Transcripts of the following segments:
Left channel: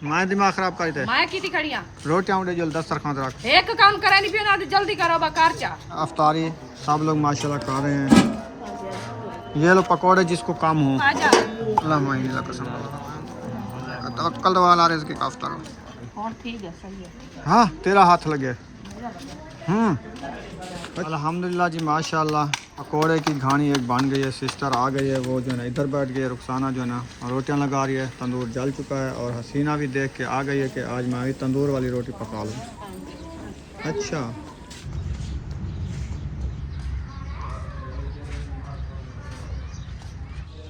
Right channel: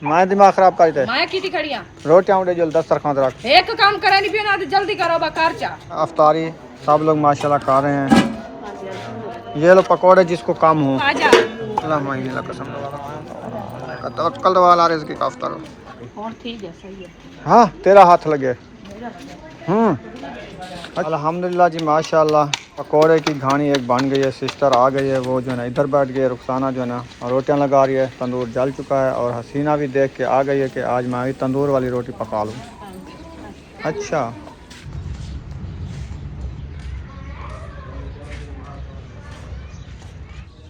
मैं दिमाग खराब कर दे मैं की खड़िया रोटियां उड़े जल्दी दस्तरखान रख एक काम करे नहीं पियो ना तो जल्दी करो बकार चा अफ्तारी सब लोग माशाल्लाह खा रहे हैं। ये लो पकोड़े जिसको काम हो आजा अल्लाह मायने ला कसम तवक्कल वाला रिज़्क़ का अफ्तार और ठीक है सही है हाँ तेरा हाथ लगे अल्हम्दुलिल्लाह जी माशाल्लाह पकोड़े की घानी एक बन गई है। सिस्टर आ गई है, वो जो है ना इधर बैठ गई है, रुखसाना जो है ना रोटियां लगा रही है। तंदूर जल चुका है और हसीना भी देख के आ गई है कि आज मैं भी तंदूर वाली रोटी पका लूँ। अच्छा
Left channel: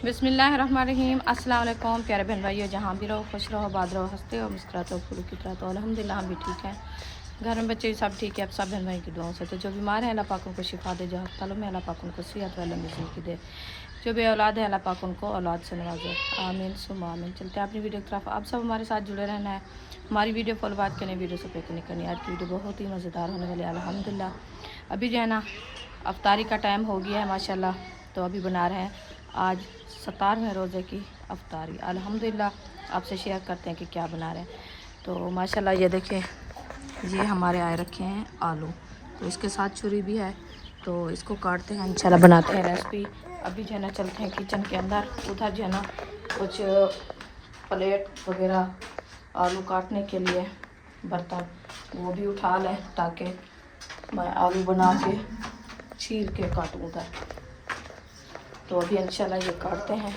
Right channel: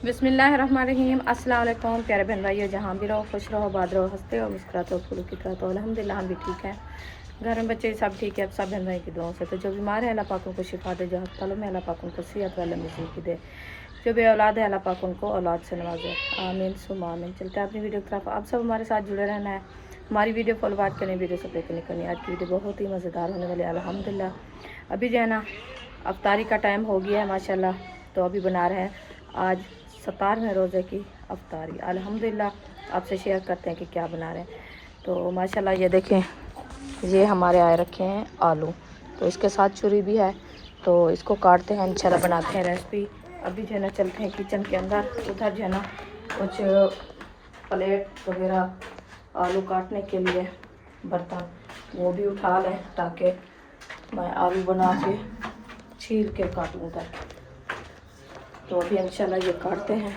बिस्मिल्लाहिर्रहमानिर्रहीम अस्सलाम वालेकुम प्यारे बहन भाइयों, जहाँ भी रहो खुश रहो, आबाद रहो, हंसते हो मुस्कुराते हो, फूल की तो अल्हम्दुलिल्लाह हम भी ठीक हैं। घर में बच्चे सब ठीक है, अब सब बहन भाई की दुआओं से। तो जो बीमार है अल्लाह पाक उनको शिफा दे, जो अस्पतालों में अल्लाह पाक उनको सेहत वाला ज़िंदगी दे, जो बे औलाद है अल्लाह पाक उनको औलाद से नवाजे, आमीन सुम्मा आमीन। चलते हैं अपनी वीडियो की तरफ। आप सब हमारे साथ जुड़े रहना है, हमारी वीडियो फॉलो बात करनी, वीडियो से नहीं करनी। आज की वीडियो बहुत ही मज़ेदार होने वाली है अल्हम्दुलिल्लाह। अभी जो है ना अफ्तारी का टाइम हो गया है माशाल्लाह, तो अभी बना रहे हैं आज 17वें रोज़े की अफ्तारी अल्हम्दुलिल्लाह। आपसे शेयर करते हैं कि क्या बना रहे हैं। तो माशाल्लाह ये देखें, ये हमारे आए रखे हैं आलू, तो इसके साथ चूरी भी है, तो इसको काटते हैं इंशाल्लाह, बनाते हैं रेसिपी। अभी जो है ना चलते हैं किचन के अंदर, उधर जो है ना कुछ प्लेट वगैरह आलू काटने के लिए बर्तन वो भी उठा लें, ताकि मैं आलू बना के छील के काटूँ उधर। तो अभी इंशाल्लाह ये काटते हैं।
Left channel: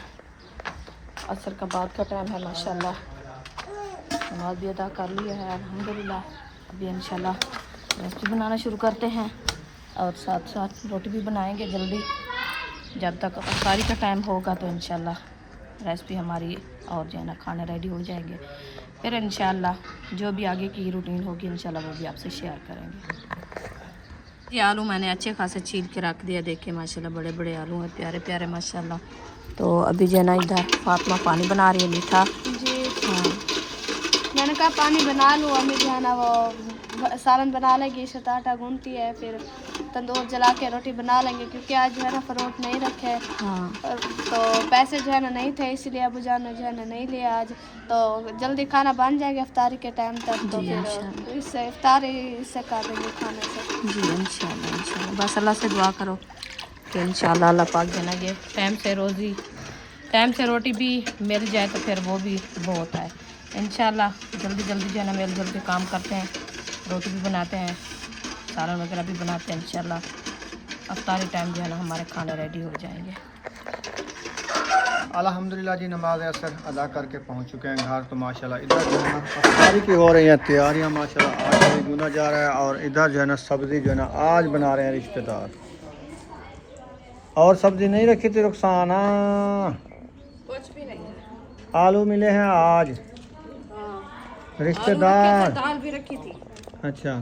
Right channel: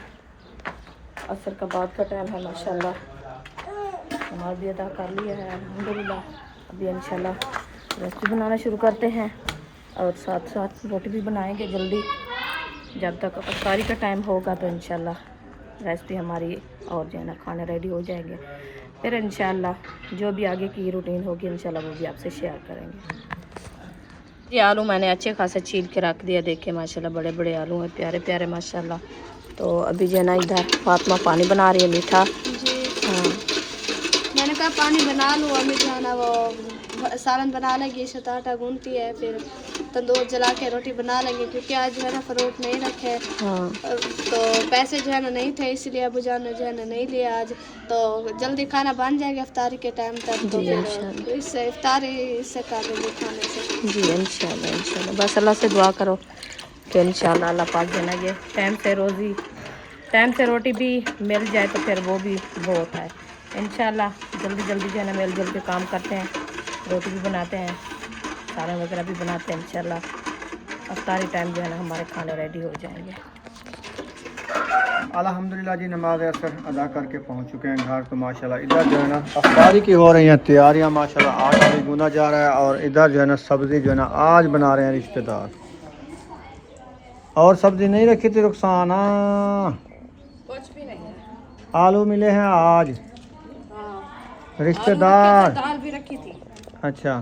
असर का बाद का टाइम है माशाल्लाह, नमाज भी अदा कर लिया है अल्हम्दुलिल्लाह। अभी इंशाल्लाह रेसिपी बनाना शुरू करते हैं और साथ साथ रोटी भी बनाएंगे जल्दी। जब तक अफ्तारी का टाइम होगा तो इंशाल्लाह रेसिपी हमारी और जो है ना खाने रेडी हो जाएंगे। फिर इंशाल्लाह जो भी आगे की रूटीन होगी इंशाल्लाह वो भी आपसे शेयर करेंगे। ये आलू मैंने अच्छे खासे छील के रख दिया, देखे माशाल्लाह बड़े बड़े आलू हैं, प्यारे प्यारे माशाल्लाह। तो अभी जो है ना इधर फातिमा पानी बना रही है मीठा। हाँ मैंने कहा पानी बना लूँ, अम्मी जो है ना वो सालन बना लेंगी, आटा गूंथती है, फिर तंदूर जला के रोटी बना लेंगे, क्योंकि आज जो है ना फ्रूट नहीं रखे। हाँ तो पैसे जो है ना नहीं थे, इसलिए अबू जान ने जो है ना नहीं लिया आज। तो जल्दी खाना बन जाएगा इफ्तारी के टाइम तक, तो फिर इससे इफ्तारी इससे कर देंगे खाने से। जी इंशाल्लाह इंशाल्लाह। बस अल्लाह से दुआ करो कि इंशाल्लाह अल्लाह पाक जो है ना ये टाइम से रोटी भी मिल जाए, तो फिर वो भी बहुत है। इंशाल्लाह जल्दी जल्दी जो है ना मिल जुल के काम करते हैं, रोटी भी बनाते हैं, सालन वगैरह भी बनाते हैं। इंशाल्लाह अफ्तारी टाइम जो है ना हमारे खाने रेडी हो जाएंगे। अल्हम्दुलिल्लाह जी नमाज असर अदा करके पहुंच चुके हैं घर। तो माशाल्लाह इधर जो है ना अफ्तारी की हो रही हैं तैयारियां माशाल्लाह, आटा भी गूंदा जा रहा है और इधर जो है ना सब्ज़ी जो है ना आज बना रहे हैं रिश्तेदार। और सब्ज़ी नहीं रखी थी रुखसाना? कुछ भी नहीं है, आलू मिले हैं आज। रिश्तेदार दाल भी रखी थी। अच्छा,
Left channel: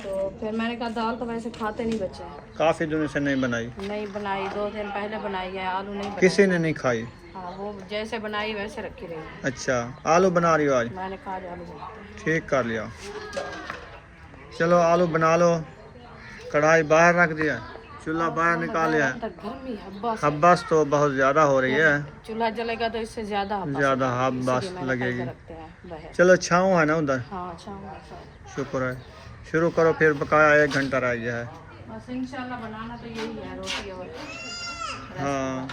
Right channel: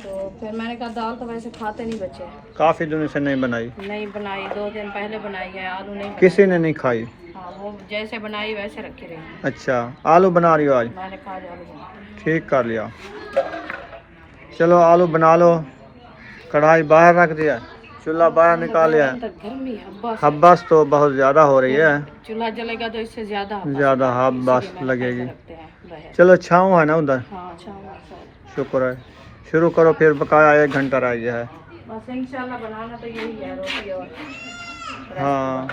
तो फिर मैंने कहा दाल तो वैसे खाते नहीं बच्चे, काफ़ी दिनों से नहीं बनाई। 2 दिन पहले बनाई है, आलू नहीं बनाई। किसी ने नहीं खाई? हाँ, वो जैसे बनाई वैसे रखी रही। अच्छा, आलू बना रही हो आज? मैंने कहा आलू बनाते हैं। ठीक कर लिया। चलो आलू बना लो। कढ़ाई बाहर रख दिया, चूल्हा बाहर निकाल लिया। गर्मी हब्बस तो बहुत ज़्यादा हो रही है, चूल्हा जलेगा तो इससे ज़्यादा हब्बस लगेगी। चलो छाँव है ना उधर? हाँ, शुक्र है। शुरू करो, फिर बकाया 1 घंटा रह गया है। बस इंशाल्लाह बनाना तो यही है, रोटी और हाँ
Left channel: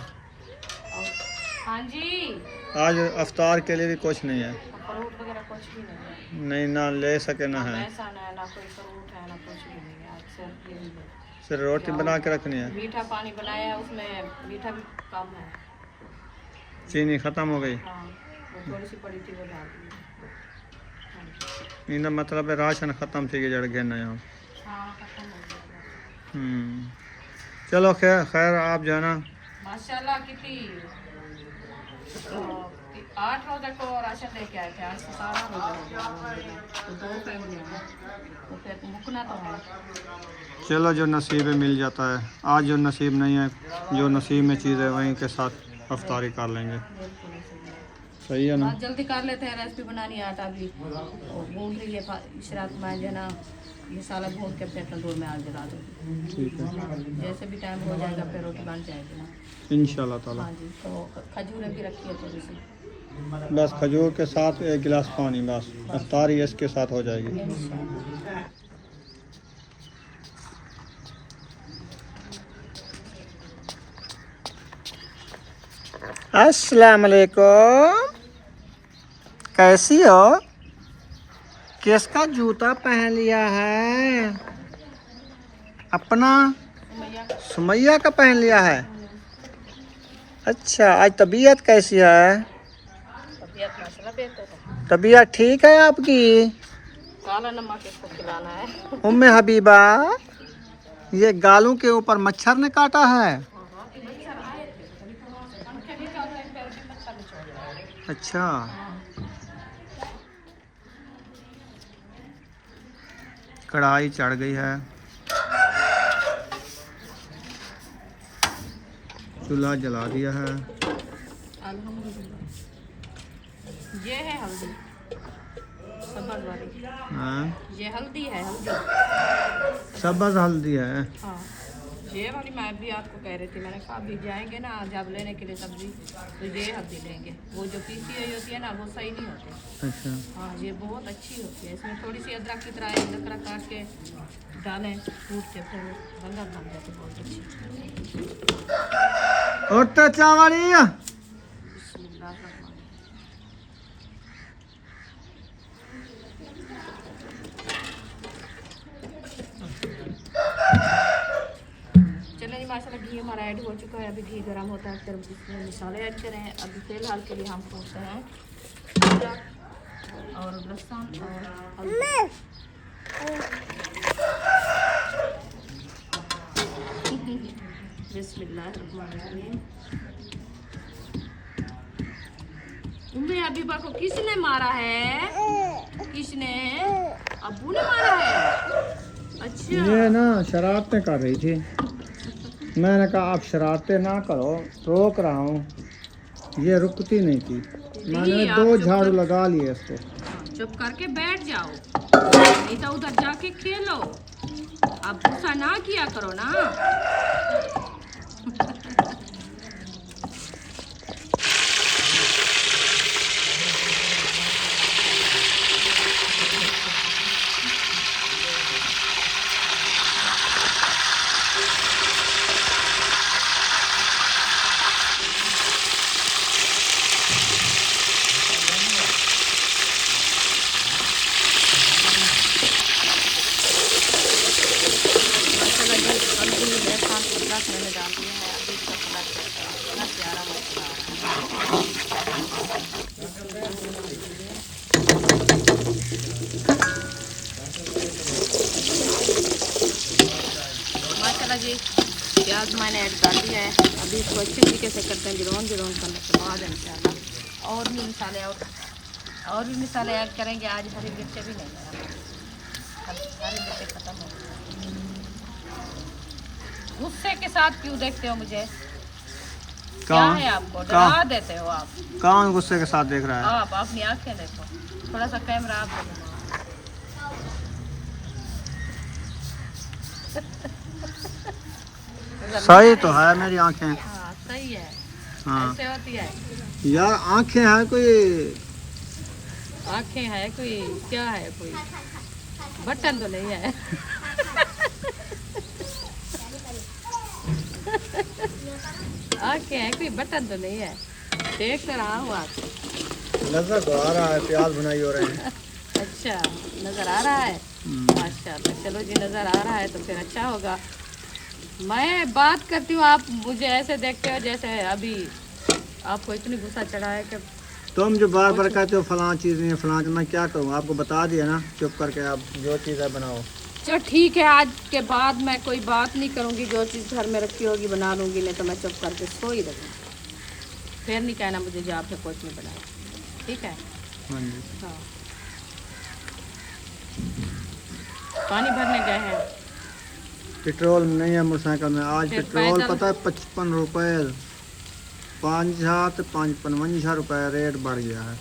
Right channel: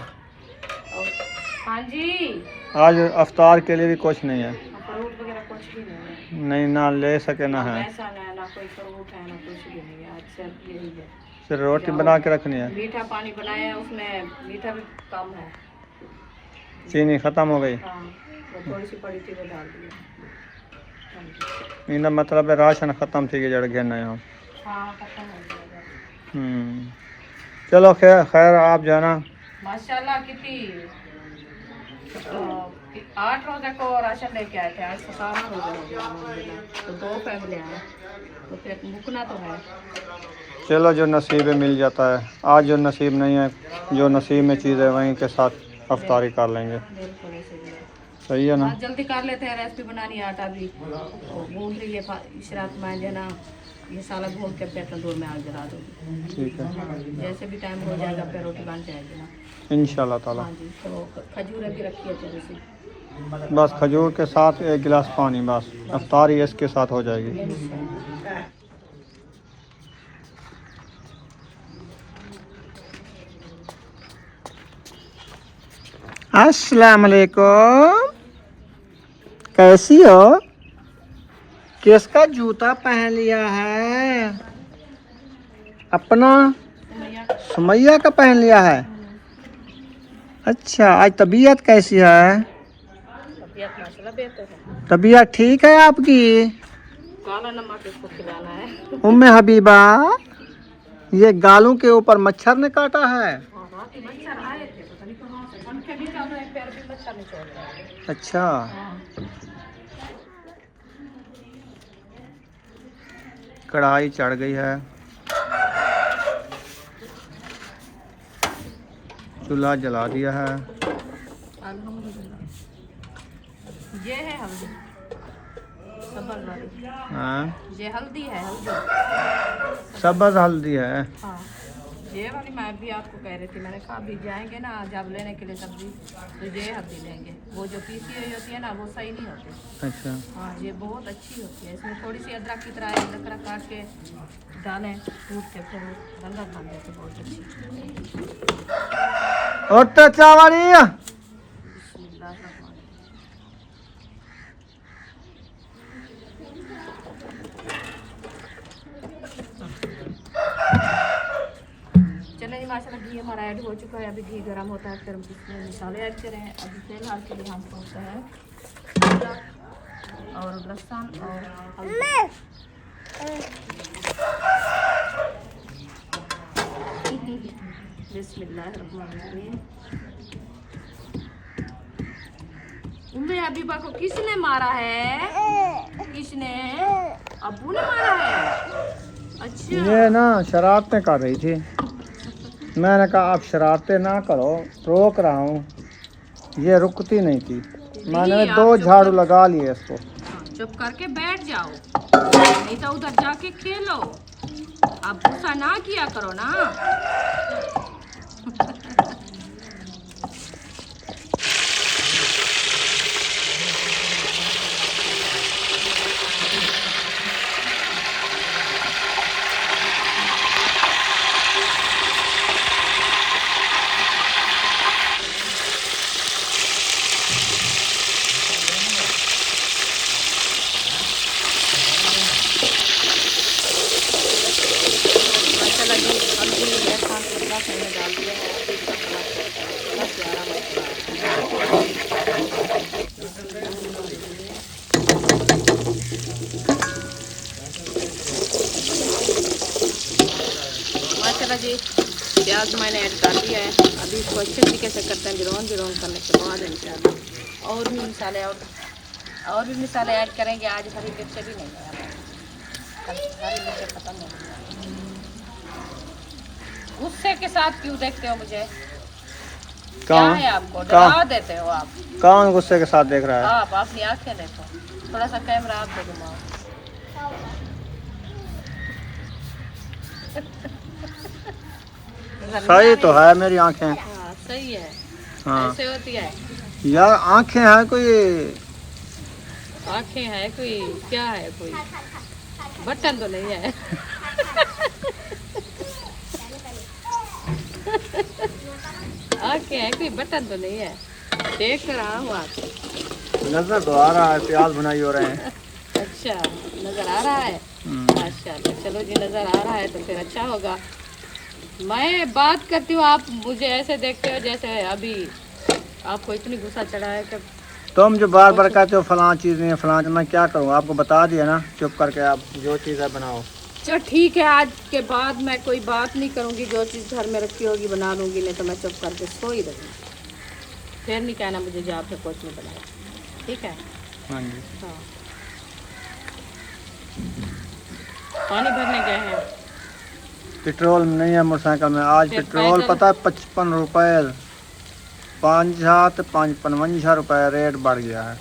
हाँ जी। आज अफ्तार के लिए भी कुछ नहीं है, फ्रूट वगैरह कुछ भी नहीं है। नहीं ना ले सके ना है, ऐसा नहीं, ना कोई फ्रूट है ना कुछ भी नहीं है। आज सिर्फ यही है, सिर्फ रोटी बना के रखनी है। मीठा पानी बनाया है, उसमें मीठा भी कम है, चीनी ख़त्म हो गई। हाँ वो थोड़ी सी पड़ी थी वो डाल दी। इनका मतलब है राशन ख़त्म थी जड़ गया ना यहाँ। हाँ खत्म हो गया। चलो खैर आप जो है ना माशाल्लाह कितनी 8 रोज़े को राशन लेके आए थे, आज 17 रोज़े हो गए अल्हम्दुलिल्लाह। तो 2 फैमिली हैं, तो फिर मुकना तो है। चलो जो नसीब है मिल जाता है। आज जो नसीब नहीं है, जो नसीब में चीज़ है वहीं के साथ अफ्तारी कर लेंगे। सही है ना? जल्दी कर लेते हैं, रेसिपी बनानी है, आटा भी गूंद रही है इशरात में जो ना, ये साला घूम के फिर तंदूर में आग जला दूँगी। ठीक है, जैसे भी टाइम हो जाएगा फिर रोटी बन जाएगी ना इंशाल्लाह ताला। हाँ जी। तो खजूरें भी रखी है थोड़ी सी, बस खजूर के साथ 1 गिलास पानी, बस इफ्तारी इसके साथ हो जाएगी। अस्सलाम वालेकुम, कैसी हो? किसका जूता पहन लिया है? अपना सुमैया का पहन लिया है। अच्छा, आज तबीयत कैसी है? तबीयत ठीक है आपकी? काला नमक इसको खिलाना है। उम्मे हबीबा, ये गालों के ऊपर मच्छर ने काटा है? मच्छर आए थे, पता नहीं कहाँ से, पंखे भी डाल रहे हैं, पैर भी मच्छर ने चोट रहे। अच्छा, कढ़ाई चढ़ गई है, चूल्हा जला दिया है। अल्हम्दुलिल्लाह। ये है हल्दी सब्ज वाली। हाँ, ये हल्दी है, हल्दी सब्ज हल्दी है। हाँ, ये वाली मैं भी आपको कह रही थी, मैंने कहा अभी जाएंगे ना जब लेने के लिए सब्जी, तो ये हल्दी लेंगे। वो जो पीसी हुई होती है ना, वो सही नहीं होती। अच्छा, हाँ, ये बहुत अच्छी होती है। इसमें थोड़ी सी अदरक की तरह अदरक काट के डालें, कूट के, फिर रंगत बन जाती है बहुत अच्छी। और तो चावली बिस्मिल्लाहिर्रहमानिर्रहीम। चलें जी, माशाल्लाह घी हमारा ऐड हो चुका है। अभी घी गर्म होता है, फिर हम इसमें मसाले ऐड करें। अभी फिलहाल के लिए हम पहुँचते हैं अदरक और लहसुन और हल्दी। बिस्मिल्लाहिर्रहमानिर्रहीम। उम्मे हबीबा को किसने मारा है? किसने? अब्बू ने मारा है। अच्छा, ये ना शरारतें कर रही थी। मैंने कहा आप शरारतें ना करो, रोक रहा हूँ। ये रुकती नहीं थी। मैंने आप 2 चुप झाड़ू कर- लगा लिए इसको। हाँ, चुप करके बैठ जाओ, नहीं तो उधर जाके खेलो। आप गुस्सा ना किया करो ना। माशाल्लाह जी, हल्दी लहसुन अदरक मैंने डाल दिया है। अभी अपना बस प्यारा माशाल्लाह जी, प्याज मैंने ऐड कर दिया है। अभी इसको अच्छे तरीके से करते हैं, बिरौन बिरौन करने के बाद इंशाल्लाह और भी मसाले ऐड करेंगे। आज हरी मिर्चें भी नहीं है हमारे, कल हरी मिर्चें खत्म हो गई। गुस्से के साथ क्यों देखते हो मुझे? क्या कौन है आपको? डरा देते हो आप। कौन गुस्से के साथ देख रहा है? आप अपनी आंखें देखो, थोड़ा सा कैमरा आपको घुमाओ। सही तो है मेरी आंखें। हाँ, सही है। हाँ ऐसे होती है। यार, आंखें हैं कोई, आंखें है कोई, क्या है कोई, बटन तो नहीं है। आंखें है कोई, बटन तो नहीं है। देख रहा हूँ आप। नजर तो आ रहा है, प्याज भुनाई हो रहे हैं। अच्छा, नज़र आ रहा है। माशाल्लाह, चलो जी, नज़र आ रहा है तो फिर अच्छा होगा। मैं बात करती हूँ, आप मुझे ऐसे देखते हो जैसे अभी आपको इतनी गुस्सा चढ़ा है कि तुम जो बार बार कहते हो फलां चीज़ नहीं है, फलां, मैं क्या करूँ? आपको बता दिया ना, चुप करके आप जो चीज़ है बनाओ। चलो ठीक है, आज के बाद मैं कोई बात नहीं करूँगी। जो चीज़ घर में रखी होगी बना लूँगी, नहीं तो मैं चुप करके सो ही रहूँगी। फिर नहीं कहना मुझे जो आपने कुछ नहीं बनाया, ठीक है? हाँ जी। हाँ, पानी भरने गए हैं। पेट्रोल नहीं है मोटरसाइकिल में आज। फिर पेट्रोल पैदल? पता है 55 रुपये, 55 रुपये रेट बढ़ गया है।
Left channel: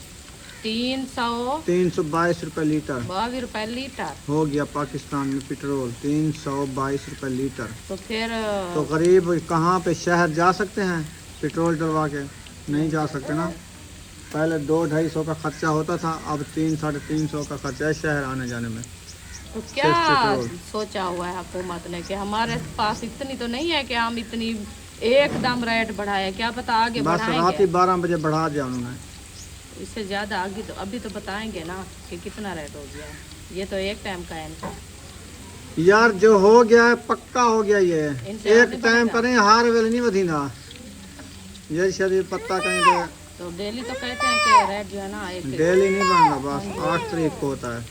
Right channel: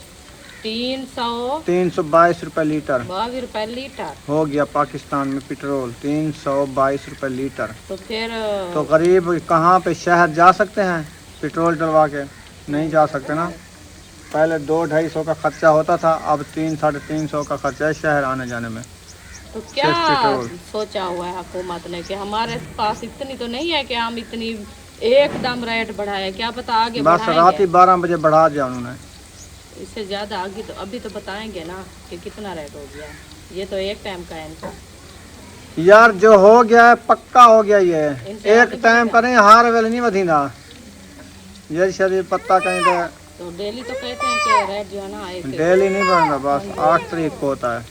322 रुपये लीटर 322 रुपये लीटर। हो गया पाकिस्तान में पेट्रोल, 322 रुपये लीटर। तो फिर तो गरीब कहाँ पे शहर जा सकते हैं पेट्रोल डलवा के? नहीं जा सकते ना। पहले 200-250 का खर्चा होता था, अब 300-350 का खर्चा है शहर आने जाने में। तो क्या 60 करोड़। सोचा हुआ है हुकूमत ने कि हमारे पास इतनी तो नहीं है कि हम इतनी एकदम रेट बढ़ाए, क्या पता आगे बस रात ही बढ़ाएंगे 12 बजे बढ़ा दिया उन्होंने। इससे ज़्यादा आगे, तो अभी तो बताएंगे ना कि कितना रेट हो गया है। ये तो एक टाइम का है इनका। यार जो हो गया है पक्का हो गया, ये इनसे एक आगे टाइम बढ़ेगा। करें हार वेल नहीं वधीना, ये शरीर पत्ता कहीं तो डेली तो कहते हैं कि रेट जो है ना एक डेली नहीं बढ़ना, बस 8 तारीख को होता है,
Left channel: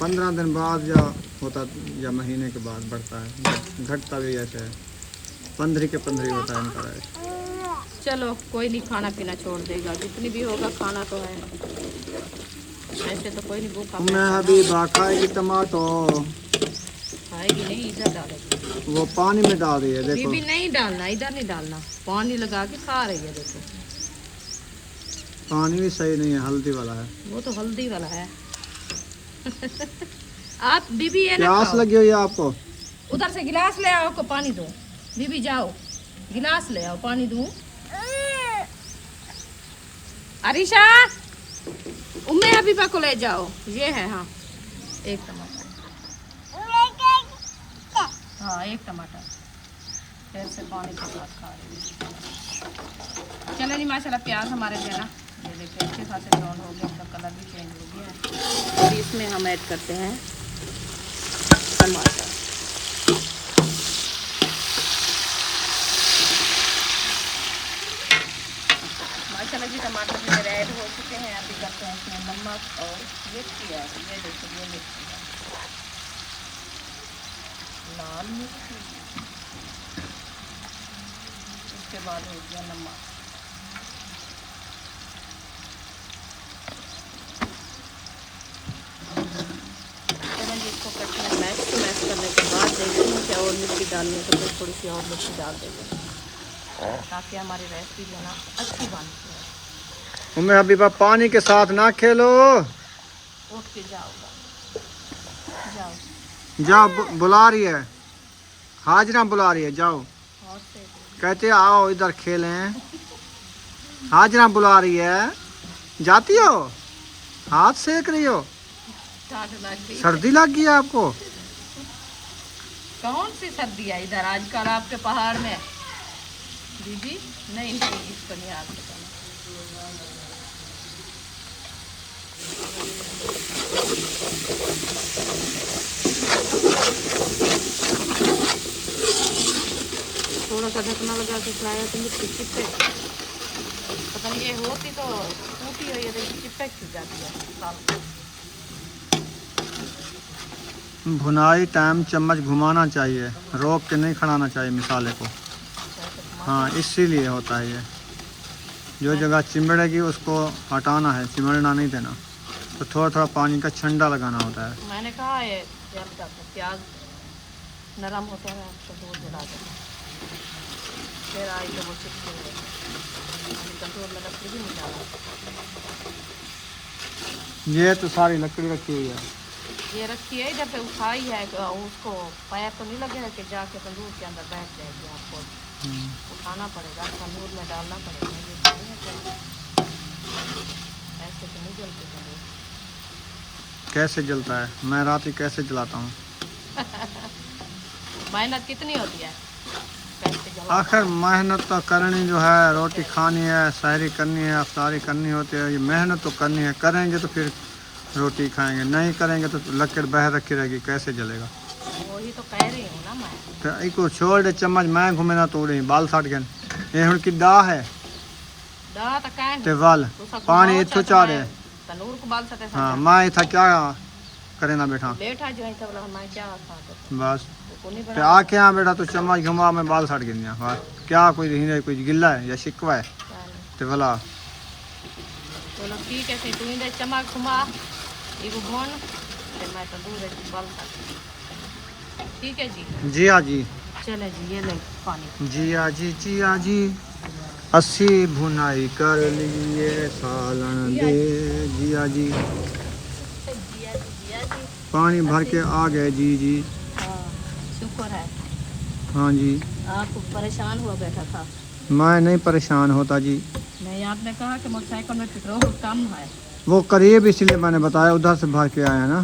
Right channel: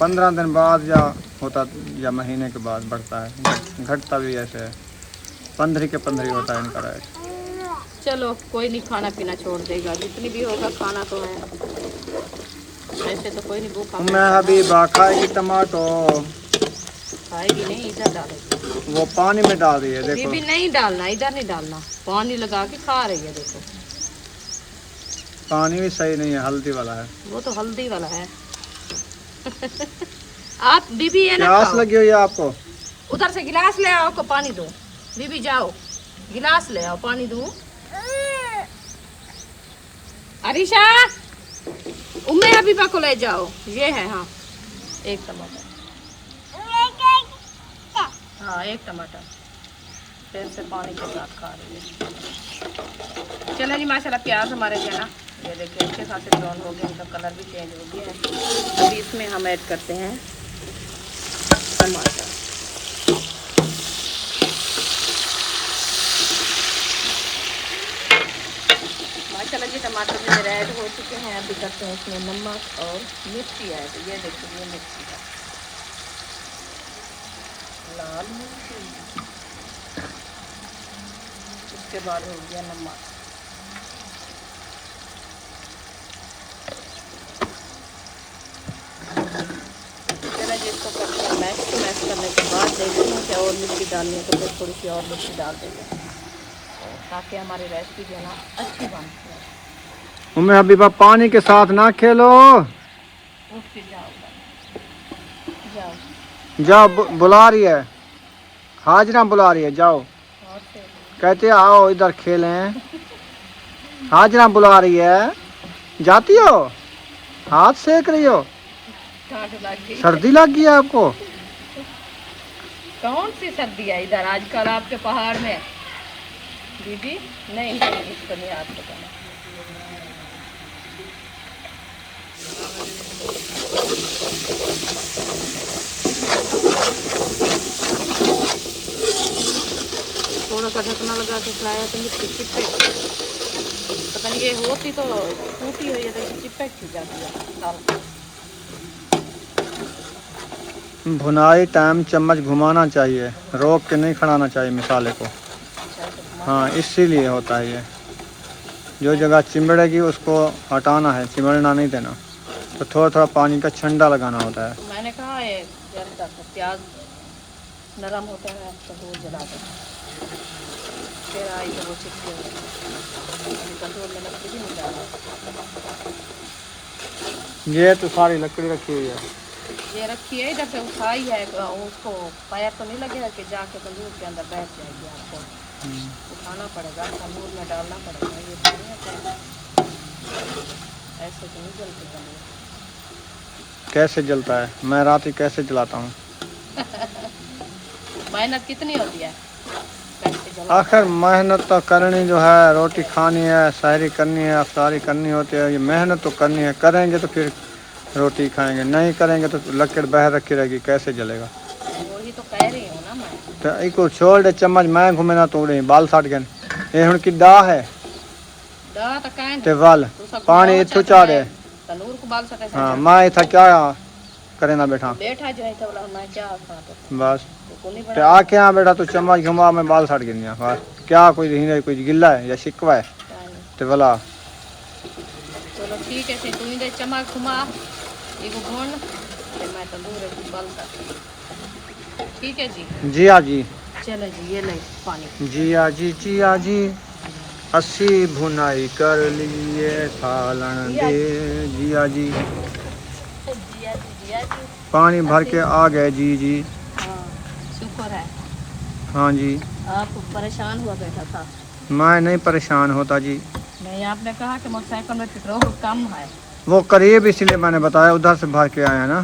15 दिन बाद या होता या महीने के बाद बढ़ता है, घटता भी ऐसे है, 15 के 15 होता है इनका रेट। चलो कोई नहीं, खाना पीना छोड़ देगा, जितनी भी होगा खाना तो है, ऐसे तो कोई नहीं भूखा मैं अभी खाएगी टमाटो, खाएगी नहीं, इधर डालेगी। वो पानी में डाल रही है देखो। बीबी नहीं डालना, इधर नहीं डालना, पानी लगा के खा रही है देखो। पानी भी सही नहीं है, हल्दी वाला है। वो तो हल्दी वाला है। आप बीबी ये ना प्यास खाओ। लगी हुई है आपको? उधर से गिलास ले आओ, को पानी दो। बीबी जाओ गिलास ले आओ, पानी दूं। अरीशा उम्मे हबीबा को ले जाओ, ये है। हाँ एक टमाटर, हाँ एक टमाटर, फिर से पानी के साथ खा रही है। चलो जी माशाल्लाह प्याज हमारे जो है ना ये देखिए अच्छे खासे ब्राउन हो गए, इनका कलर भी चेंज हो गया है। और इसमें हम ऐड करते हैं टमाटर। माशाल्लाह जी टमाटर भी मेरे ऐड हो चुके हैं। अभी करते हैं इसमें नमक और मिर्ची ऐड। ये देखिए ये मिर्ची है, लाल मिर्ची। उसके बाद हो गया नमक। चलो जी इसको करते हैं मैश। मैश करने के बाद देखते हैं क्या और मिर्ची डालनी है, तो फिर थोड़ी सी और मिर्ची डाल देते हैं ताकि हमारी रेसिपी जो है ना अच्छी बन जाए। उम्मे हबीबा पानी के साथ ना खेलो, उठ के जाओ जाओ जाओ बुला रही है, हाजरा बुला रही है, जाओ। और से कहते आओ इधर खेलें, हाजरा बुला रही है, जाती हो, हाथ सेक रही हो, ठंड लग गई। सर्दी लग गई है आपको? कौन सी सर्दी है इधर आजकल आपके पहाड़ में? दीदी नहीं नहीं, इसको नहीं हाथ पकड़ना। थोड़ा सा ढकना लगा के खिलाया तो मिर्ची चिपक, पता नहीं ये होती तो टूटी हुई है, तो चिपक की जाती है दाल। भुनाई टाइम चम्मच घुमाना चाहिए, रोक के नहीं खड़ाना चाहिए मिसाले को। हाँ इसीलिए होता है ये, जो जगह चिमड़ेगी उसको हटाना है, चिमड़ना नहीं देना। तो थोड़ा थोड़ा पानी का छंडा लगाना होता है। मैंने कहा है जलता था, प्याज नरम होते हैं तो दूर जला दो, फिर आई तो वो चिपके कंट्रोल में लकड़ी भी नहीं डाला। ये तो सारी लकड़ी रखी हुई है, ये रखी है इधर पे उठाई है, तो उसको पैर तो नहीं लगेगा कि जाके तंदूर के अंदर बैठ जाएगी, आपको उठाना पड़ेगा, तंदूर में डालना पड़ेगा। ये थोड़ी है कि ऐसे तो नहीं जलते तंदूर। कैसे जलता है? मैं रात ही कैसे जलाता हूँ। मेहनत कितनी होती है कैसे जला। आखिर मेहनत तो करनी जो है, रोटी खानी है, सहरी करनी है, अफ्तारी करनी होती है, ये मेहनत तो करनी है। करेंगे तो फिर रोटी खाएंगे, नहीं करेंगे तो लकड़ बह रखी रहेगी, कैसे जलेगा? वही तो कह रही हूँ ना मैं। तो इको छोड़ दे चम्मच, मैं घूमे ना तोड़े बाल साट गए। ये हुण की डाह है दा तो कहन ते वल पानी इथु चाड़े। तंदूर को बाल सके हाँ मैं इथा क्या करे ना बैठा, बैठा जो है तो बोला मैं क्या खाता बस तो नहीं ते बना। आके यहाँ बैठा तो चम्मच घुमा मैं बाल साट गिनिया। बस क्या कोई हिंदे कोई गिल्ला है या शिकवा है ते भला। चलो ठीक है, फिर तुम्हें दे चम्मच घुमा एक घोन, फिर मैं तंदूर है बाल का। ठीक है जी। जी हाँ जी, चलो जी ये ले पानी। जिया जी जिया जी, अस्सी भुनाई कर लिए थालन दे। जिया जी जिया जी पानी भर के आ गए। जी जी हाँ शुक्र है। हाँ जी, आप परेशान हुआ बैठा था। मैं नहीं परेशान होता जी, नहीं, आपने कहा कि मोटरसाइकिल में पेट्रोल कम है। वो करीब इसलिए मैंने बताया, उधर से भर के आए हैं ना।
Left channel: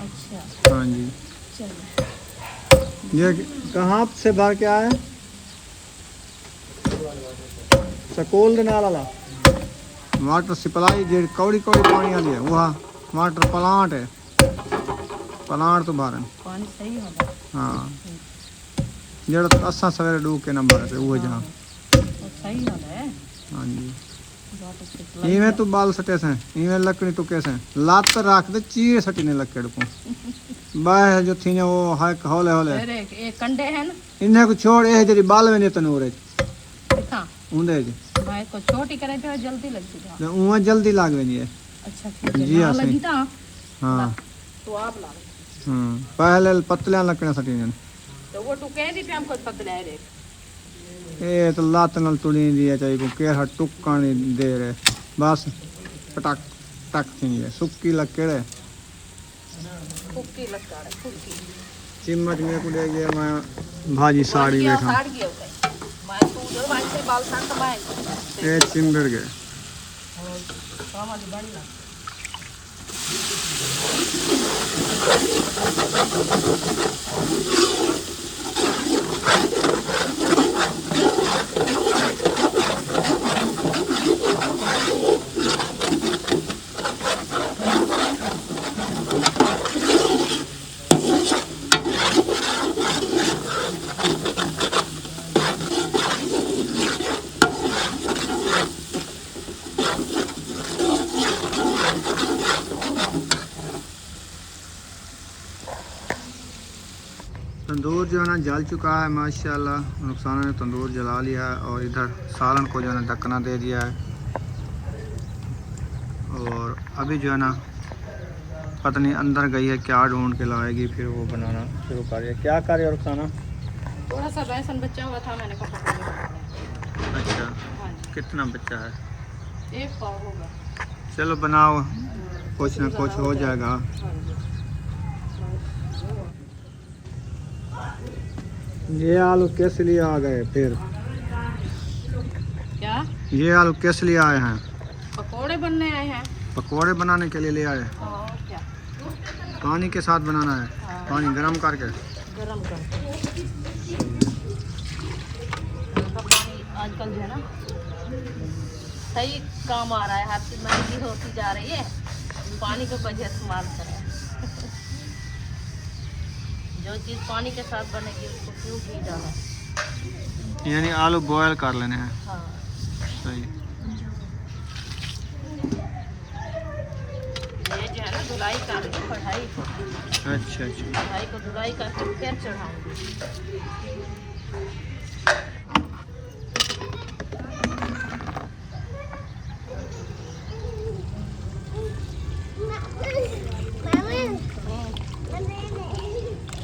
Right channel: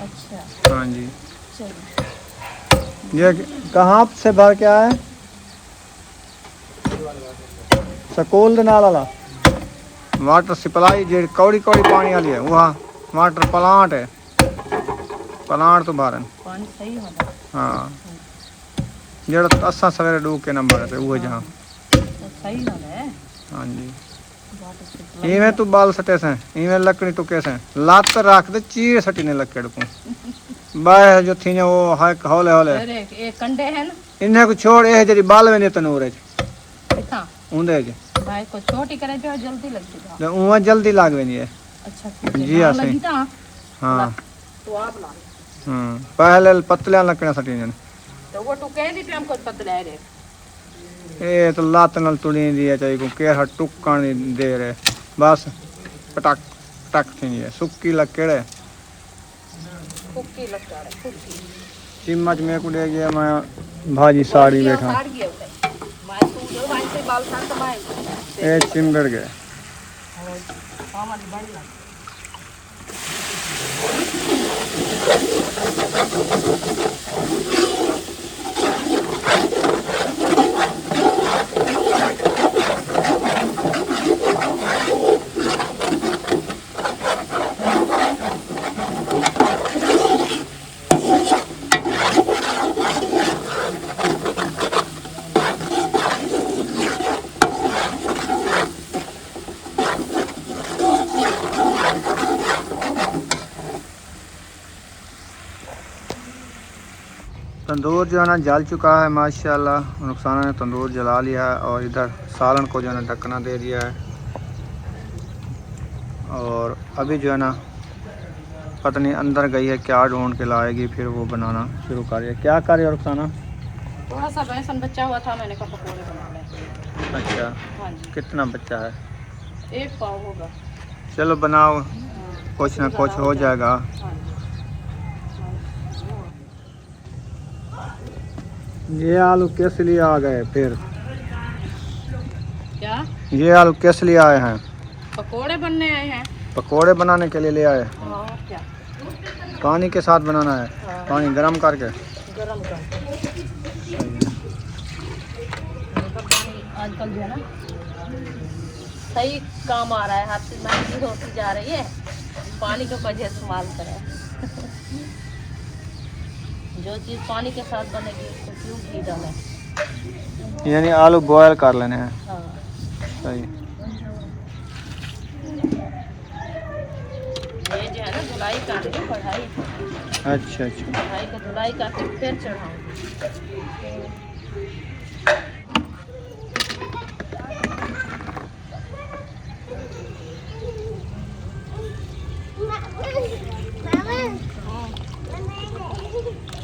अच्छा हाँ जी। चलिए। ये कहाँ से भर के आए? स्कूल दे नाल वाला वाटर सप्लाई जे कौड़ी कौड़ी पानी वाली है, वहाँ वाटर प्लांट है, प्लांट तो बाहर है। पानी सही होगा। हाँ, जेड़ा असा सवेरे डूब के नंबर है वो जहाँ। तो सही होगा है। हाँ जी। Water supply. इवें तू बाल सटे से, इवें लकड़ी तो कैसे लात रख दे, चीर सटी ने लकड़ को बाय जो थी वो हाय हौले हौले अरे ये कंडे हैं ना, इन्हें को छोड़, ए जरी बाल में ने तनूर दिखा उंदे जे भाई को छोटी करे जो जल्दी लगती है। तो उवा जल्दी लाग वेनी है। अच्छा ठीक है। जी, ना ऐसे ही। लगी था हाँ। तो आप ला। पहले पतले लकड़ियां सटी ने तो वो तो कह दी थी हमको पतला है रे। ए तो लात नाल तुड़ी दी है, चाहिए को केर टुक्का नहीं दे रहे, बस पटक टक थी है सुक्की लकड़ है। फुक्की लगता है फुक्की। चिम्मच में को दे गया मैं भाजी साड़ी बैठा साड़ गया उसे मैं तू जो भाई से बाल साड़ तो मैं ए चिंबड़ गए। मामा जी बड़ी ना। तंदूर जो है ना जल चुका है माशाल्लाह, नुकसान ने तंदूर जला लिया है और इधर सालन को जो है ना ढकना दे दिया है। और अभी जो है ना पता नहीं अंदर गई है क्या ढूंढ के लाएगी, फिर वो बनाना शुरू करेगी। क्या कर रही है रुखसाना? थोड़ा सा बेसन बचा हुआ था, मैंने कहा पकौड़े बना ले। अच्छा, हाँ जी। कितना बच्चा है? 1 पाव होगा। चलो बनाओ, कुछ ना कुछ हो जाएगा। हाँ ये आलू किस लिए आ गए फिर? क्या ये आलू किस लिए आए हैं? पकोड़े बनने आए हैं। पकोड़े बनाने के लिए ले आए? हाँ क्या पानी के साथ बनाना है? हाँ। पानी गरम करके? गरम कर पानी आजकल जो है ना सही काम आ रहा है, हर चीज महंगी होती जा रही है, पानी का वजह इस्तेमाल करें। जो चीज़ पानी के साथ बनेगी उसको क्यों घी डालें। यानी आलू बॉयल कर लेने हैं। हाँ सही। ये जो है ना धुलाई का कढ़ाई, अच्छा अच्छा। कढ़ाई को धुलाई करके फिर चढ़ाएंगे।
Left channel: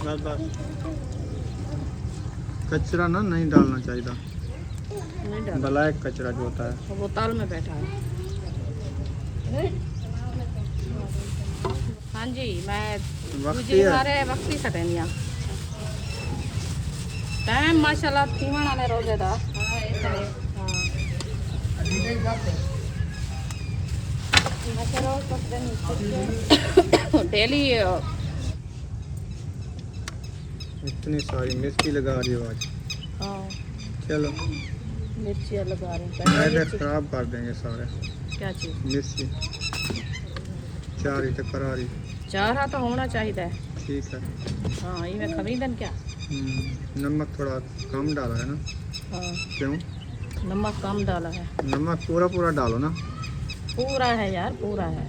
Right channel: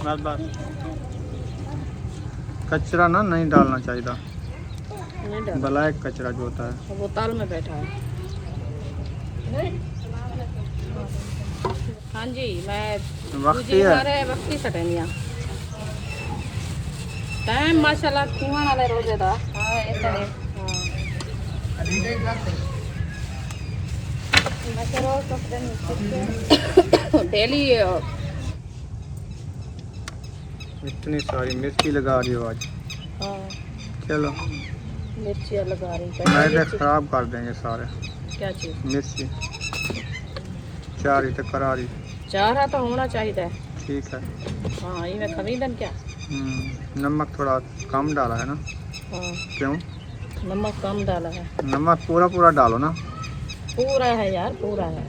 बस बस, कचरा ना नहीं डालना चाहिए, नहीं डाला, गला एक कचरा जो होता है। वो ताल में बैठा है। हाँ जी, मैं वक्ती है। हमारे वक्ती सटनिया टाइम माशाल्लाह खीमा वाले रोजे दा। हाँ ऐसा है। डेली इतनी सारी मिर्ची लगा रही हो आज। हाँ चलो मिर्चियाँ लगा रही मैदे मिर्ची। खराब कर देंगे सारे। क्या चीज़? मिर्ची चारी तो करारी। चारा तो होना चाहिए। ठीक है। हाँ ये मैं खरीदन क्या। नमक थोड़ा कम डाला है ना? हाँ क्यों? नमक कम डाला है। नमक पूरा पूरा डालो ना। पूरा है यार, पूरा है।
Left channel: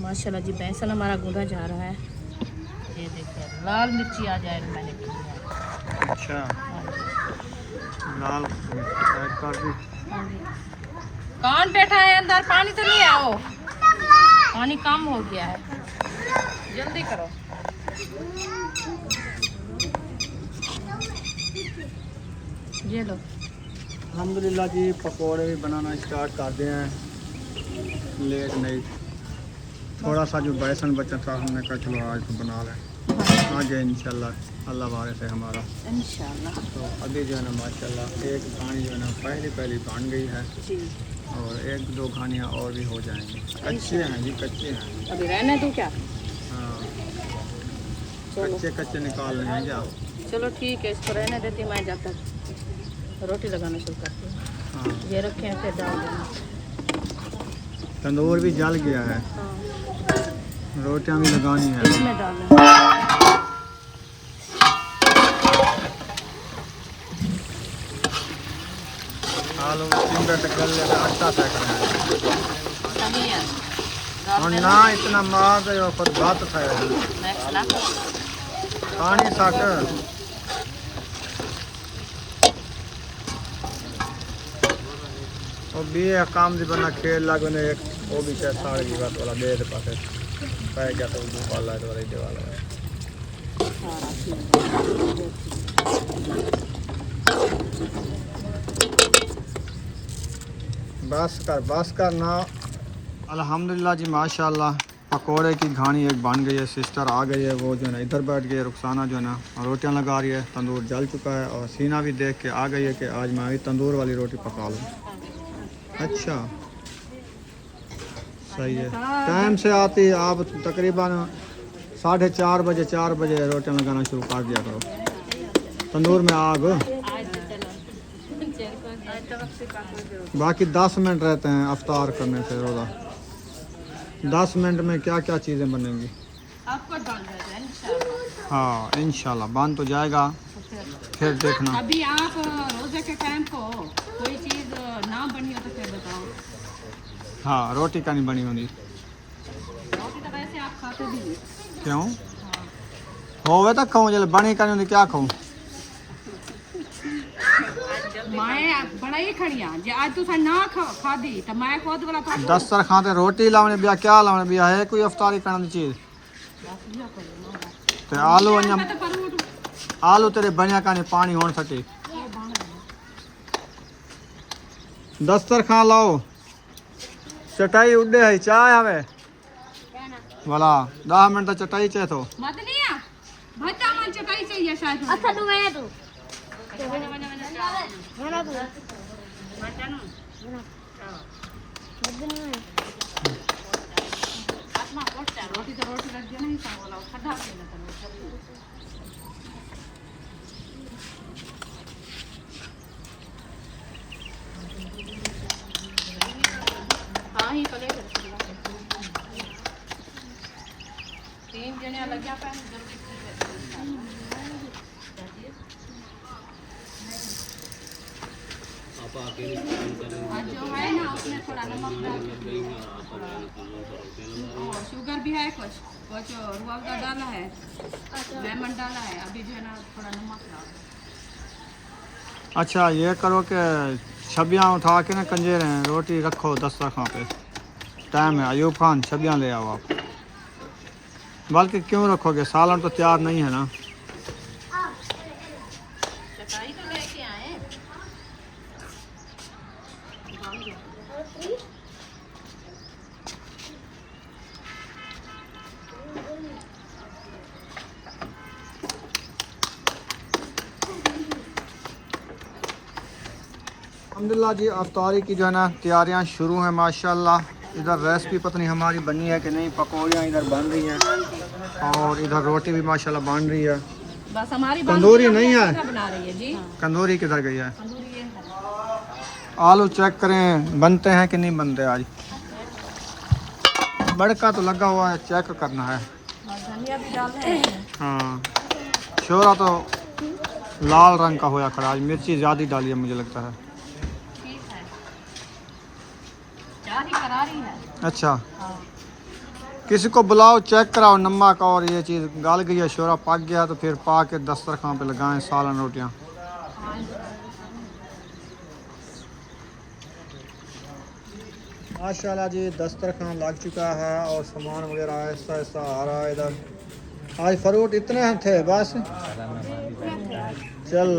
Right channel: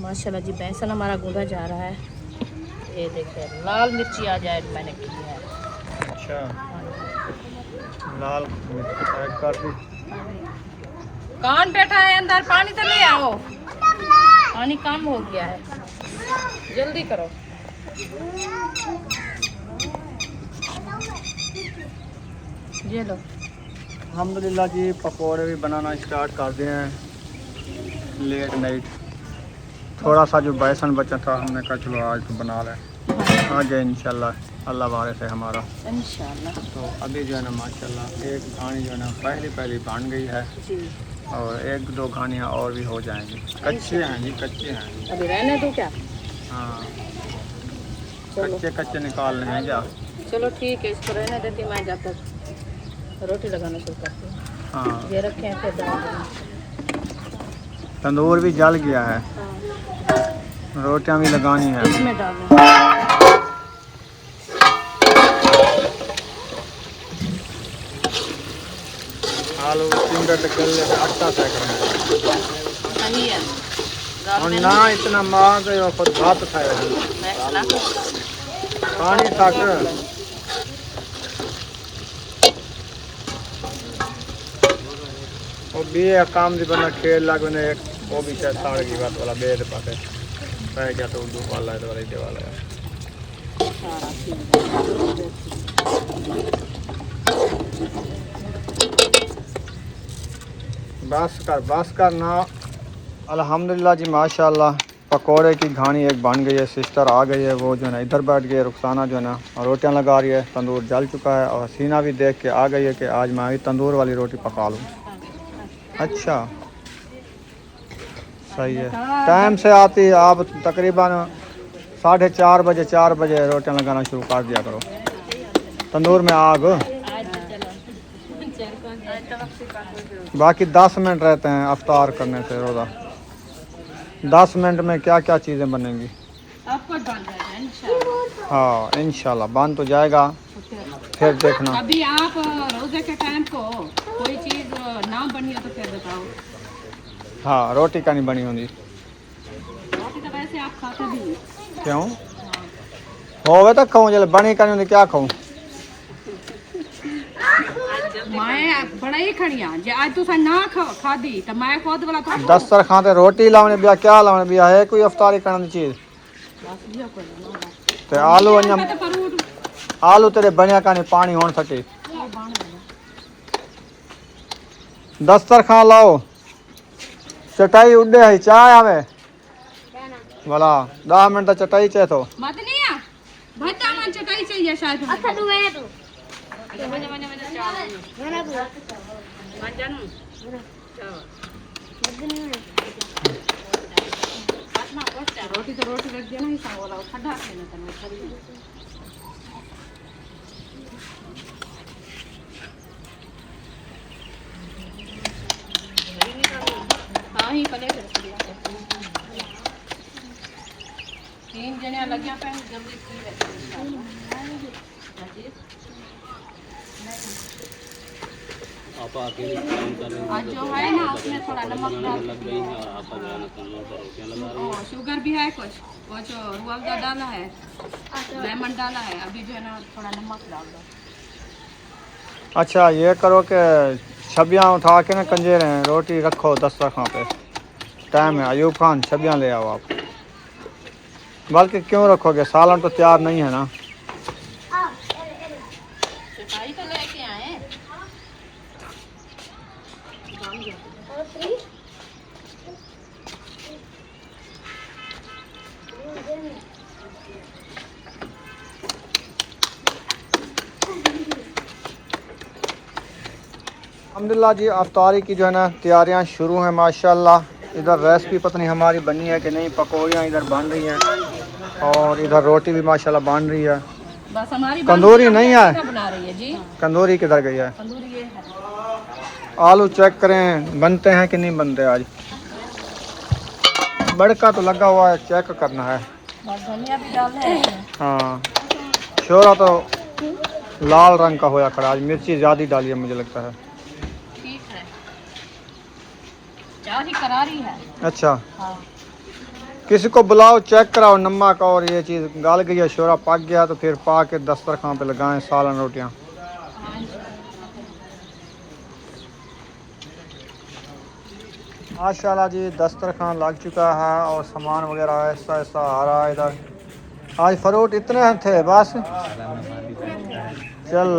माशाल्लाह जी बेसन हमारा गूंदा जा रहा है। ये देखो लाल मिर्ची आ जाए मैंने की है। अच्छा, लाल मिर्च ऐड कर दी। कौन बैठा है अंदर? पानी तो ले आओ, पानी कम हो गया है, जल्दी करो। ये लो। अल्हम्दुलिल्लाह जी, पकोड़े भी बनाना स्टार्ट कर दिए हैं लेट नाइट। थोड़ा सा जो बेसन बचा था हमने कहा चलो आज तो बना लें, आ गए इंशाल्लाह अल्लाह बारे से हमारा। इंशाल्लाह। तो अभी जो है ना माशाल्लाह एक घानी जो है ना पहली बन गई है जी। और एक दो घानियाँ और भी हो जाएंगी। कच्चे हैं जी, कच्चे हैं। अभी रहने दो क्या? हाँ, चलो कच्चे निकालने हैं क्या? चलो ठीक है, इसको रहने देती मैं जब तक रोटी लगाना शुरू करती हूँ। हाँ, ये रखे हैं फिर डाल देना। तंदूर भी जल गया है, हाँ, रोटियां भी लगानी है। इसमें डालना। आलू टिंडे गले में आटा सेक रहे हैं। सही है। और ना इतना मार दे और खुद भात खाए पानी साक और भी काम दी बना खेल लाग ने एक वो भी चाहे साड़ की बात वाला बेद पाते पै गया तो उर्दू वाला है तो वाला दे वाला है। बस कर ना। अल्हम्दुलिल्लाह जी माशाल्लाह पकोड़े की घानी एक बन गई है। सिस्टर आ गई है, वो जो है ना इधर बैठ गई है, रुखसाना जो है ना रोटियां लगा रही है। तंदूर जल चुका है और हसीना भी देख के आ गई है कि आज मैं भी तंदूर वाली रोटी पका लूँ। अच्छा सही है, टाइम से आती है आप तकरीबन 4:30 बजे 4 बजे रोटियां लगाना शुरू कर दिया करो। तंदूर में आग बाकी 10 मिनट रहते हैं अफ्तार करने से रोज़ा। 10 मिनट में क्या क्या चीज़ें बनेंगी आपको डालना है इंशाल्लाह। हाँ इंशाल्लाह बन तो जाएगा, फिर देखना। अभी आप रोजे के टाइम को कोई चीज़ ना बनी हो तो फिर बताओ। हाँ रोटी का नहीं बनी होगी। रोटी तो वैसे आप खाते भी नहीं। क्यों होवे तो खाऊं, जब बनी का नहीं होगी क्या खाऊं। मैं बड़ा ही खड़िया जे आज तुसा ना खादी तो मैं खुद वाला तो 10 सर खाते रोटी लाने बिया क्या लाने बिया है कोई अफ्तारी करने की चीज ते आलू अन्या आलू तेरे बनिया का नहीं पानी होने सके। 10 सर खा लाओ चटाई उड़े है चाय आवे वाला 10 मिनट चटाई चाहे तो मत नहीं आ भट्टा मन चटाई चाहिए शायद। अच्छा तू है तू रोटी तो रोटी रख देना ही वाला खड्डा हाँ ही पले 3 जने लगे पे जल्दी आज जो है ना उसमें थोड़ा नमक डाल शुगर भी है, कुछ रुअफ़ज़ा डाला है, लेमन डाला है। अभी जो है ना थोड़ा नमक डाल दो। अच्छा ये करो कि छबियाँ उठा के ना कंजे रहे रोटी रखो 10 रखा पे टाइम है। अयूब खान छबियाँ ले आओ आप। बल्कि क्यों रखोगे, सालन तो तैयार नहीं है ना। चटाई तो लेके आए। अल्हम्दुलिल्लाह जी अफ्तारी की जो है ना तैयारियां शुरू हैं माशाल्लाह। इधर रेसिपी पता नहीं हमारी बनी है कि नहीं, पकौड़ियाँ इधर बन रही हैं और इधर रोटी भी माशाल्लाह बन रही है। बस हमारी तंदूरी नहीं है, बना रही है जी। तंदूरी किधर गई है। तंदूरी ये है। आलू चेक करें बनते हैं कि नहीं बनते। आज बड़का तो लगा हुआ है, चेक करना है। बस धनिया भी डालना है। हाँ शोरा तो लाल रंग का होया खड़ा, आज मिर्ची ज़्यादा डाली है मुझे लगता है। ठीक है, क्या ही करारी है। अच्छा हाँ। किसी को बुलाओ चेक कराओ नमक और ये चीज़ गाल गई है, शोरा पक गया तो फिर पा के दस्तरखान पे लगाएं सालन रोटियाँ। माशाल्लाह जी दस्तरखान लग चुका है और सामान वगैरह ऐसा ऐसा आ रहा है इधर। आज फ्रूट इतने थे बस चल।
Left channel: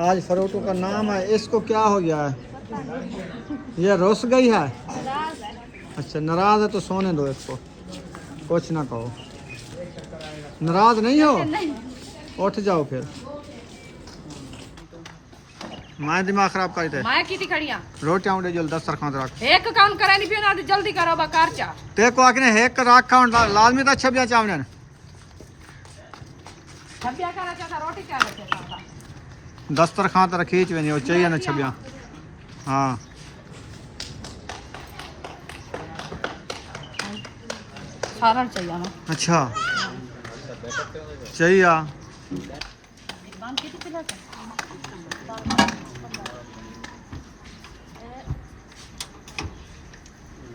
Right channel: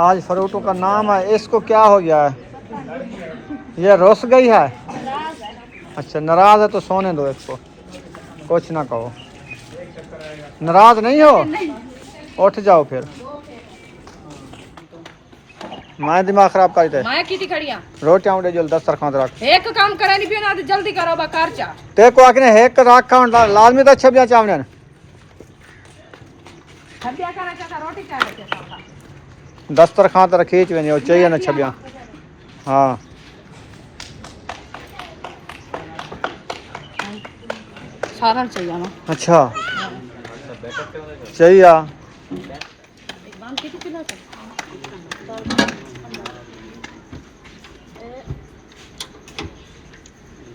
आज फ्रूटों का नाम है, इसको क्या हो गया है, ये रुस गई है। अच्छा नाराज है तो सोने दो इसको, कुछ ना कहो। नाराज नहीं हो, उठ जाओ फिर। मैं दिमाग खराब कर दे। मैं किती खड़िया रोटियां उड़े जल दस्तरखान रख। एक काम करे नहीं फिर ना जल्दी करो बकर चा। ते को आखने हेक रखा लाजमी तो छबिया चावने छबिया करे चा रोटी चा रखे दस्तरखान तर खींच वे चाहिए ना छबिया। हाँ सारा चाहिए ना। अच्छा चाहिए। बांध किती किलो का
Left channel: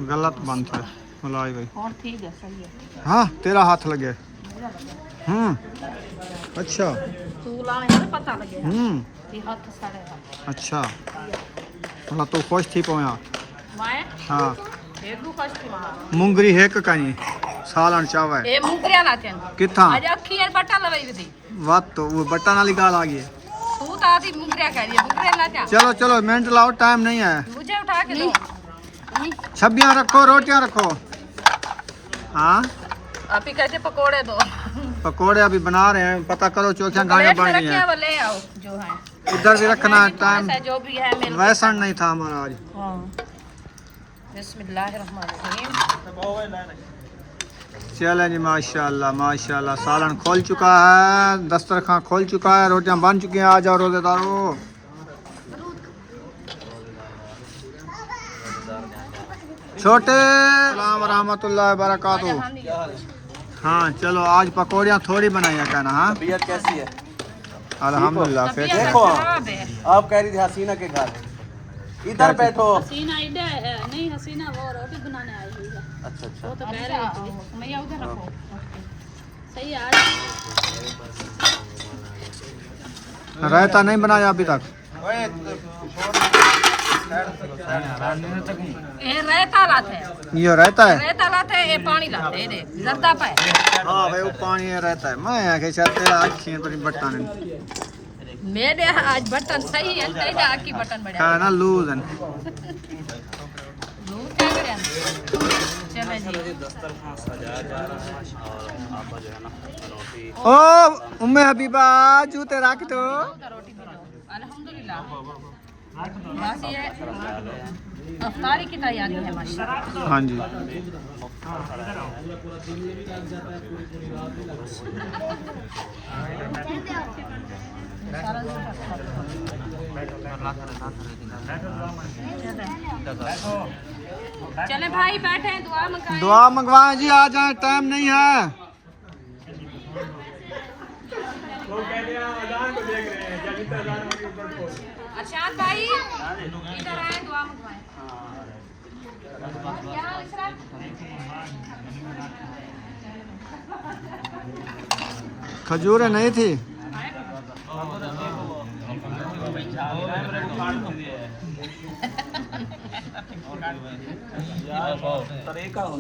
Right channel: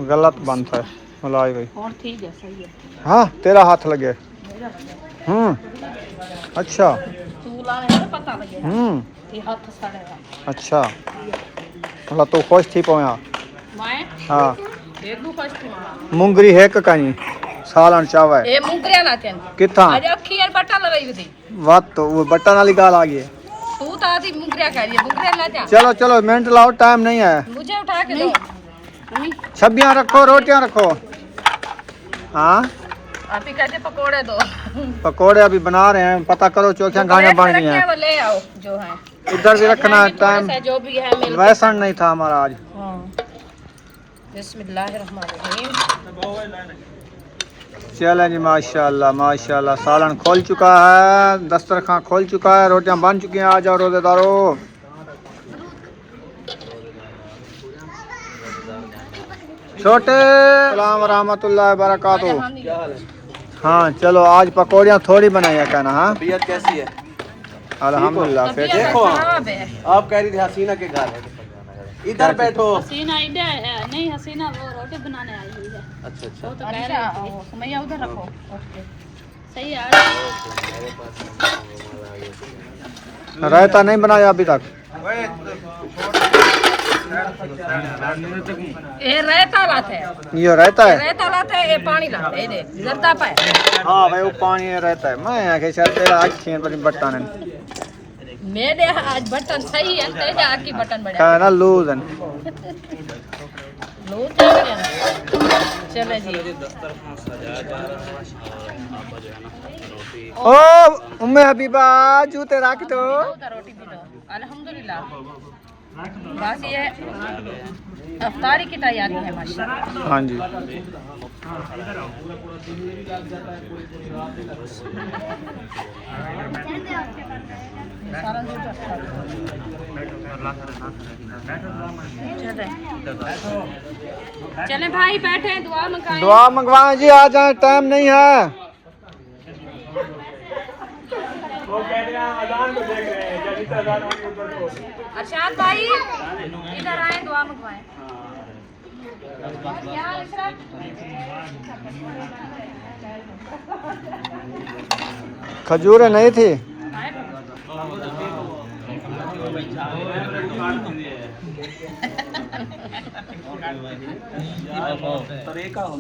गलत बनता है मलाई भाई। और ठीक है सही है। हाँ तेरा हाथ लगे। अच्छा तू लाने है पता लगे ये हाथ सड़ेगा। अच्छा मतलब तू खुश थी पहुँचा। मैं हाँ एक दो फर्स्ट मारा मुंगरी हेक कहीं सालन चावा है ए मुंगरिया लाते हैं किथा आज अखी यार बट्टा लगाई थी। बात तो वो बटन वाली गाल आ गई है। तू तो आधी मुंगरिया कह रही है मुंगरिया लाते हैं। चलो चलो मिनट लाओ टाइम नहीं है। मुझे उठा के दो छबियां रखो रोटियां रखो। हाँ अभी कहते पकोड़े दो। पकोड़े अभी बना रहे हैं, पता करो चौथियां गाड़ियां बन गई हैं। वो ले आओ जो है इधर भी रखना है टाइम। जो भी है मिल वैसा नहीं था हमारा आज। बिस्मिल्लाहिर्रहमानिर्रहीम। चलें जी माशाल्लाह माशाल्लाह सालन खोल चुका है, दस्तरखान खोल चुका है, रोटियां बन चुकी हैं। आ जाओ रोजेदारों। छोटे सलाम रहमतुल्लाह बरकातहू। हाँ चलो आज पकौड़ियाँ थोड़ी बनाई है कहना। हाँ तबीयत कैसी है? अल्हम्दुलिल्लाह फिर देखो आप कह रही थी हसीना के घर इधर बैठो। हसीना इधर नहीं, हसीना वो रोटी बनाने आई हुई है। अच्छा अच्छा तो कह रही थी सुमैया उधर रखो सही है। रायता नहीं बनाया अभी तक। ये रायता लाते हैं, ये रहता है। रायता लाते हैं, ये पानी लाते हैं, ये जर्दा पे। हाँ भाई वो पानी रहता है। मैं आके शायद तेरा आँखें पर बट्टा ने मेरे आज बटन सही है, तेरे आकी बटन बढ़िया कहना ना लूज है। लो चले जी। ओ उम्मे हबीबा जूते रख दो। रोटी भी दो अल्हम्दुलिल्लाह। बस ये अफ्तारी की तैयारी है माशाल्लाह। हाँ जी चले भाई बैठे दुआ मंगाएं। दुआ मंगवाएं जी, आ जाए टाइम नहीं है। अरशाद भाई इधर आए दुआ मंगवाएं। यहाँ इशरत खजूरें नहीं थी।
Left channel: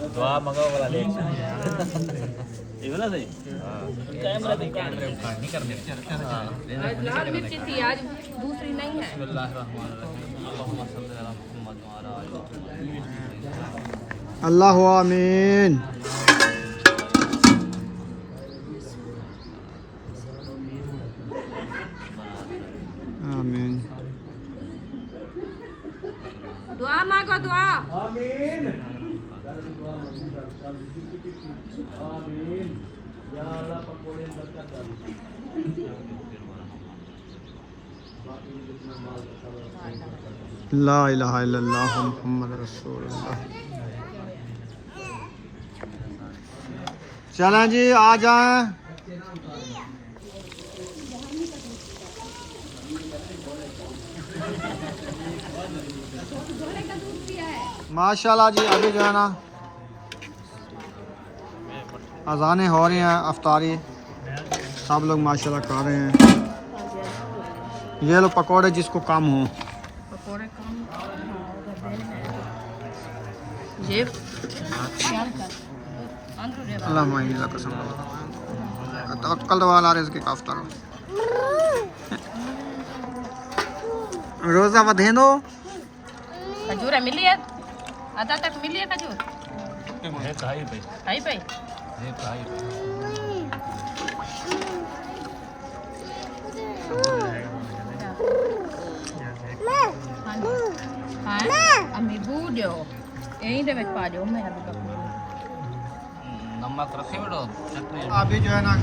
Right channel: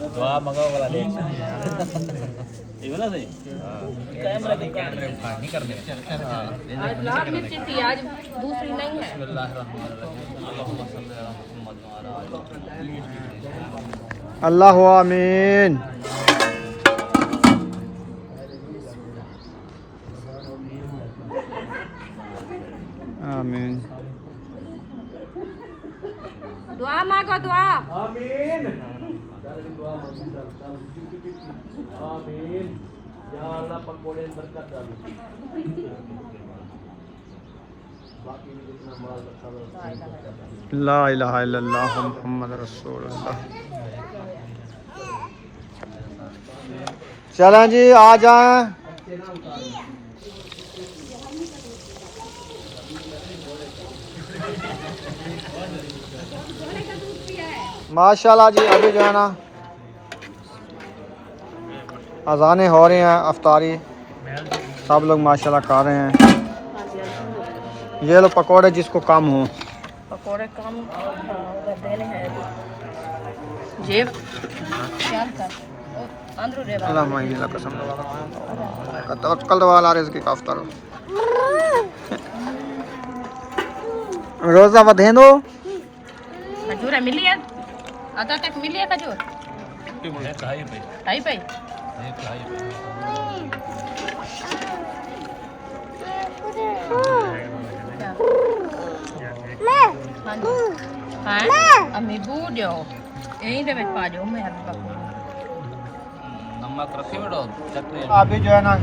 दुआ मंगाओ वाला देख ये वाला सही कैमरा नहीं करने आज लाल मिर्च थी, आज दूसरी नहीं है। अल्लाह आमीन। आमीन। दुआ मांगो दुआ। ला इलाहा इल्लल्लाह मुहम्मद रसूलुल्लाह। चलें जी आ जाएं। माशाल्लाह जी अभी जो है ना अजानें हो रही हैं, अफ्तारी सब लोग माशाल्लाह खा रहे हैं। ये लो पकोड़े जिसको कम हो। पकोड़े कम उधर देने हैं जेब शाम का अंदर रे अल्लाह मायने ला कसम का तवक्कल वाला रिज़्क़ का अफ्तार रोज़ा वधेंदो। खजूर मिली है आधा तक मिली है खजूर ढाई पे हाँ जी हाँ अम्मी बूढ़ो यही दे में पा जाऊँ मैं नमक रखे बेटो चटनी अभी जो है ना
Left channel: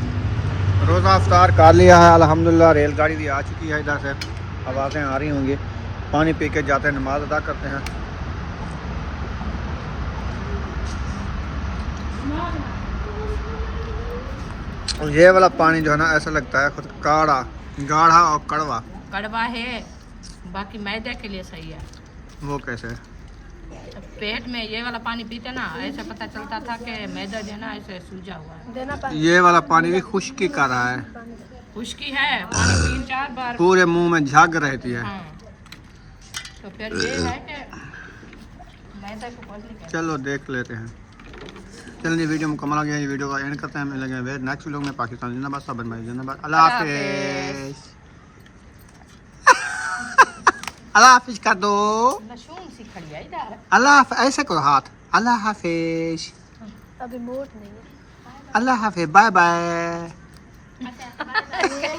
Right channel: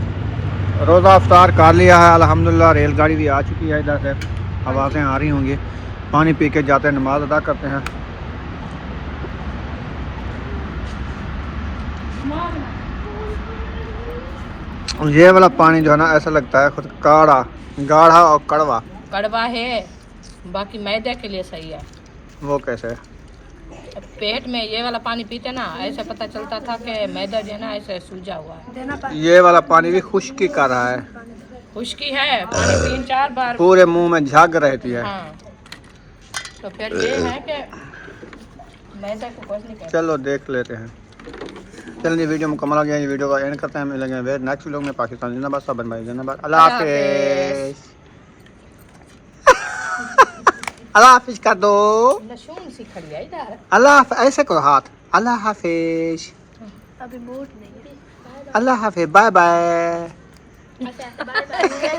रोज़ा अफ्तार कर लिया है अल्हम्दुलिल्लाह। रेलगाड़ी भी आ चुकी है इधर से, आवाज़ें आ रही होंगी। पानी पी के जाते हैं, नमाज अदा करते हैं। ये वाला पानी जो है ना ऐसा लगता है खुद काढ़ा, गाढ़ा और कड़वा। कड़वा है, बाकी मैदे के लिए सही है। वो कैसे है? पेट में ये वाला पानी पीते ना ऐसे पता चलता था कि मैदा जो है ना ऐसे सूजा हुआ है। ये वाला पानी भी खुश्की कर रहा है, खुश्की है, पानी 3-4 बार पूरे मुंह में झाग रहती है। हाँ। तो फिर ये है कि मैदा को कुछ नहीं कहते। चलो देख लेते हैं। चलिए वीडियो मुकम्मल हो गया, ये वीडियो का एंड करते हैं। मिलेंगे नेक्स्ट वीडियो में। पाकिस्तान जिंदाबाद, सबन भाई जिंदाबाद। अल्लाह हाफिज़। अल्लाह हाफिज़ कर दो। लहसुन सी खड़ी है इधर। अल्लाह ऐसे करो हाथ। अल्लाह हाफिज़। अभी मूड नहीं है। अल्लाह हाफिज़। Bye bye. अच्छा बाय बाय।